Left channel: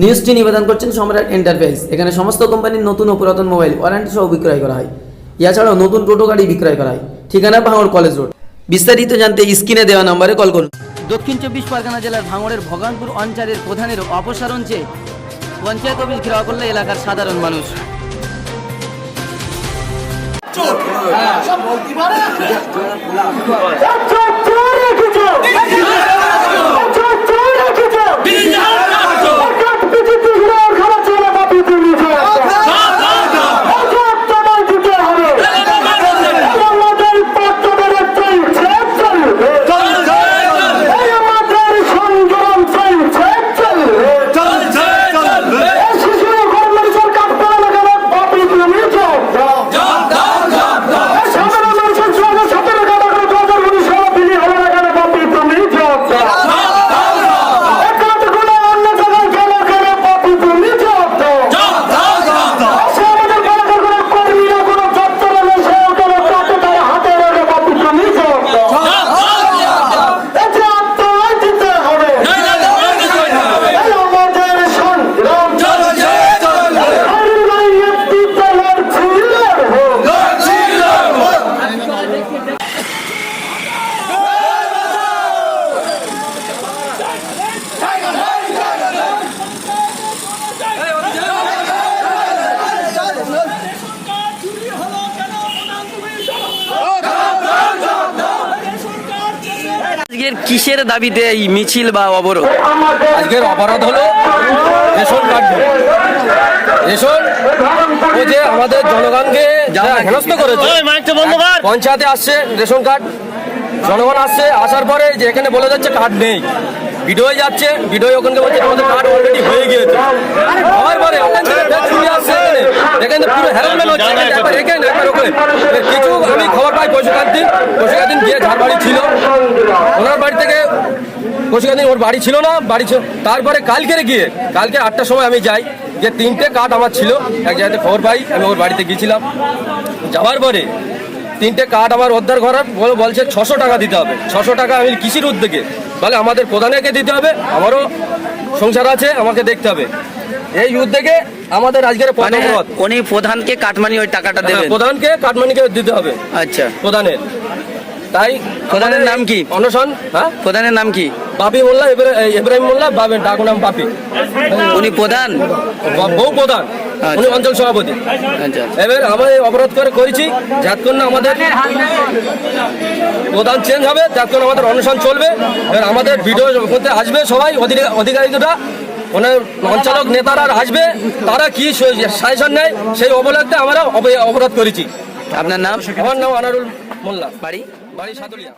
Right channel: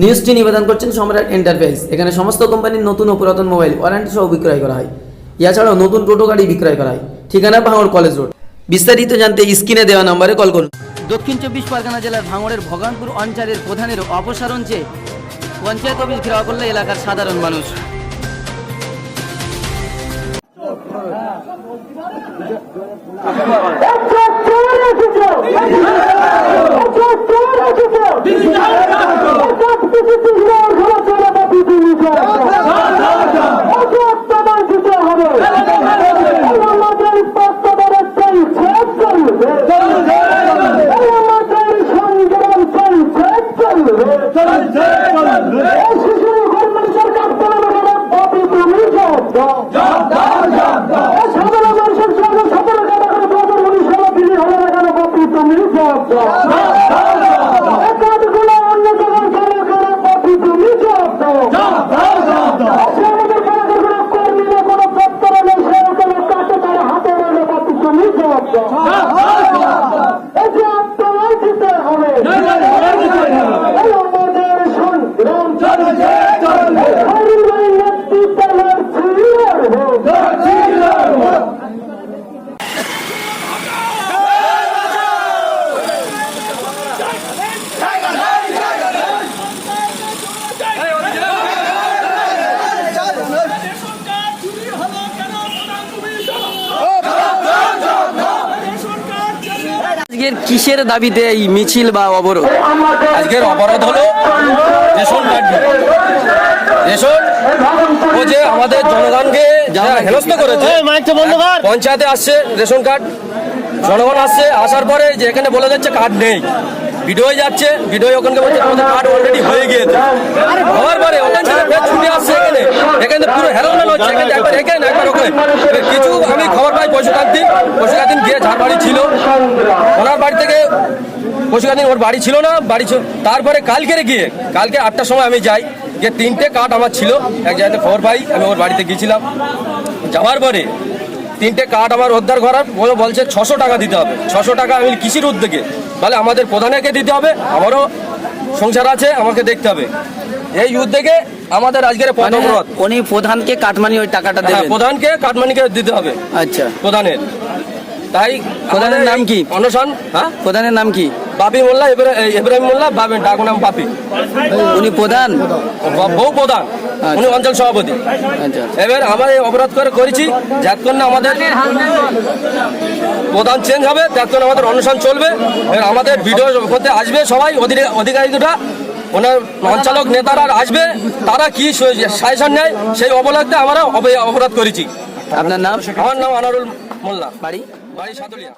নিউজটি নিবেদন করছেন সম্রাট এন্টারপ্রাইজ এখানে সমস্ত কোম্পানির নতুন ও পুরাতন মোবাইল ওয়ারেন্টি সহ বিক্রয় করা হয়। এছাড়াও নতুন টোটো গাড়ি বিক্রয় করা হয়। ঠিকানা ভাঙড় কলেজ রোড বিস্তারিত জানতে স্ক্রিনে দেওয়া নম্বরে কল করুন। দক্ষিণ চব্বিশ পরগনা জেলার ভাঙড়ের ভগবানপুর অঞ্চলের প্রধানের অপসারণ চেয়ে পঞ্চায়েত অফিস ঘেরাও করলে এলাকার সাধারণ মানুষ। আজকের কিসের দাবিতে এই মিছিল বা অবরোধ? আজকের অপরাধ হলো রেশন কার্ড। রেশন ও যে আমাদের জনগণকে হেনস্থ করেছে পঞ্চায়েতে আসছে রেশন কার্ড। জনগণ আসছে আসার পরে যে এখানে বলে যাচ্ছে কার্ড নেই। ভিডিও যাচ্ছে ভিডিও ওখানে বলছে আমাদের কার্ড অলরেডি হয়ে গিয়েছে। হওয়ার পরে ওখান থেকে ফের ছুটে আসছে এখানে এখানে পুরো হ্যারাসমেন্ট হচ্ছে। একবার এখানে একবার ওখানে। কিছু আমি খবর পাই পশুকার দিন। পশুকার দিন গিয়ে ঝাড় বাড়ি ছিল। ওনার বাড়ি থেকে পশুকার দিন ওর বাড়ি ছিল না বাড়ি ছিল। তারপরে কালকে গিয়ে কালকে আটটার সময় আমি যাই। যে তিনটে কাঠ আমার ছিল। এক জায়গাতে খবর পাই আমি ওর বাড়িতে গিয়েছিলাম। যাওয়ার পরে তিনটে কাঠ আমার উদ্ধার করার বলে বলছে ছশো টাকা দিতে হবে। ছশো টাকা আমি কৃষির উদ্যোগে। বলে আমাদের প্রধানকে দিতে হবে। আমারও সংসার আছে আমাকে দেখতে হবে। এই উদ্যোগে আমাদের আজকের মানে অবরোধ। উনি প্রধানকে কাটমানি ওই টাকাটা হ্যাঁ, দেবেন। প্রধানকে কাটমানিকে দিতে হবে। আচ্ছা। প্রধানের। তাই প্রধানের নাম কি? অনশন হ্যাঁ? প্রধানের নাম কি? বাপি মোল্লা ইব্রা- ইব্রাহিম মোল্লা বাবি ডাকু নাম বাপি। উনি প্রধান? ব- বউ প্রধান। উনি অঞ্চল সভাপতি। আচ্ছা। এবার আমরা এই অবরোধ করে করেছি যতক্ষণ না আমাদের প্রধান চেঞ্জ হবে ততক্ষণ আমাদের অনুষ্ঠান চলবে। এবার আমাদের ভিডিও করতে আসবে সবাই অধি- অধিকারীরা ওনার অঞ্চলক নেতারা আসবে তারা কি সাজেশন নেয় সেই অবলক্ষ্যে আমরা অপরাধ অবরোধ করেছি। আপনার নাম? আমার নাম আনারুল মোল্লা। বাড়ি? বাড়ি সাতুলিয়া